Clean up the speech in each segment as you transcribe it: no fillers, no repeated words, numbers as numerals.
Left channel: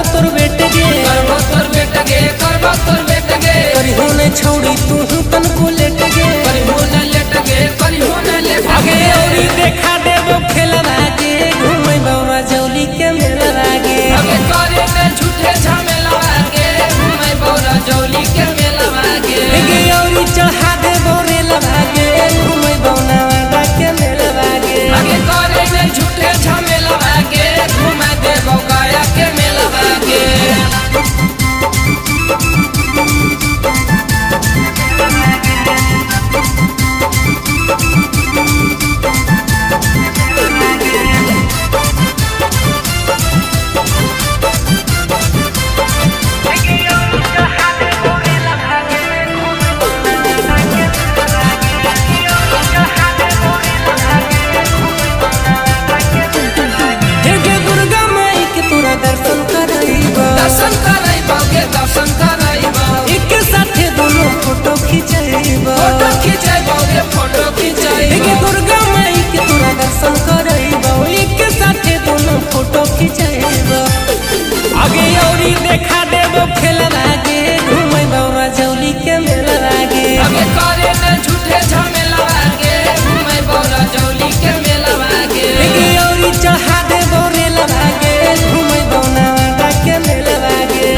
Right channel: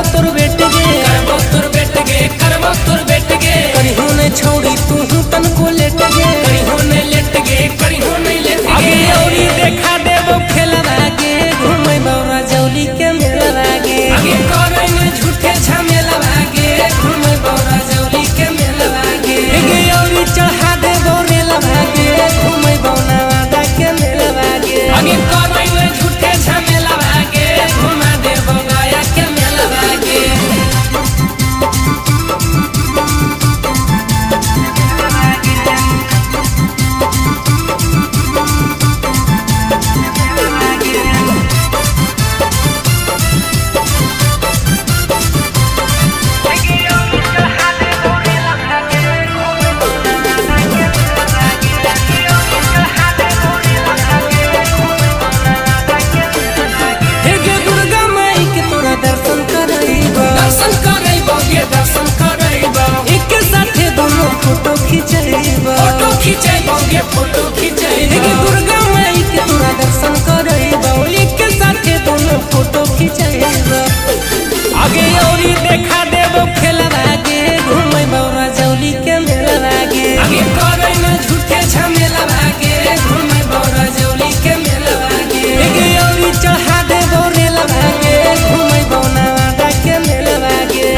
करबो तोर बेटे गे करिहो ने छोड़ी तू तन को लेट गे आगे औरी देखा देबो खेलवा गे घूमे बौरा जौली के मेलवा गे गे औरी चढ़ा देबो रेलवा गे घूमे बौना वादा के मेलवा गे दर्शन करैबा एक साथे दोनों फोटो खिंचैबा गे दुर्गा माई के तोरा दर्शन करैबा एक साथे दोनों फोटो खिंचैबा आगे औरी देखा देबो खेलवा गे घूमे बौरा जौली के मेलवा गे गे औरी चढ़ा देबो रेलवा गे घूमे बौना वादा के मेलवा गे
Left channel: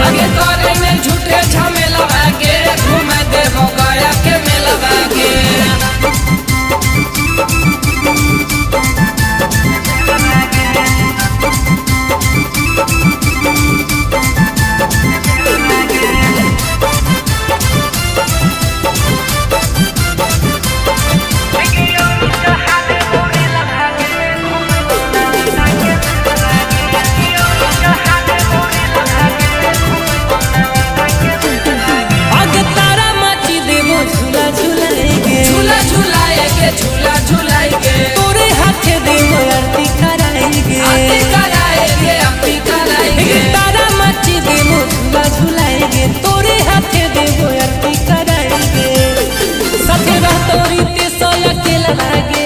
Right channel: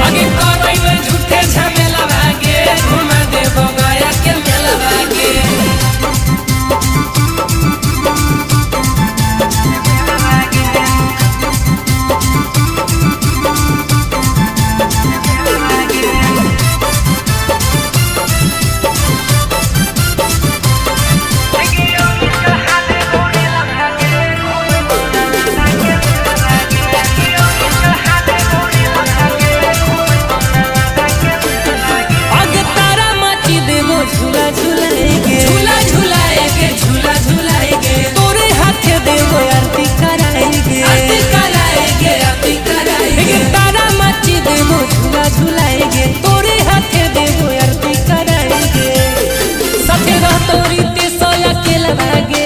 झूला झूलाएगे तोरे हाथे देवो आरती कराएगे तारा माची देवो झूला झूलाएगे तोरे हाथे देवो आरती कराएगे साथे रह तोरी ते सोया के लवागे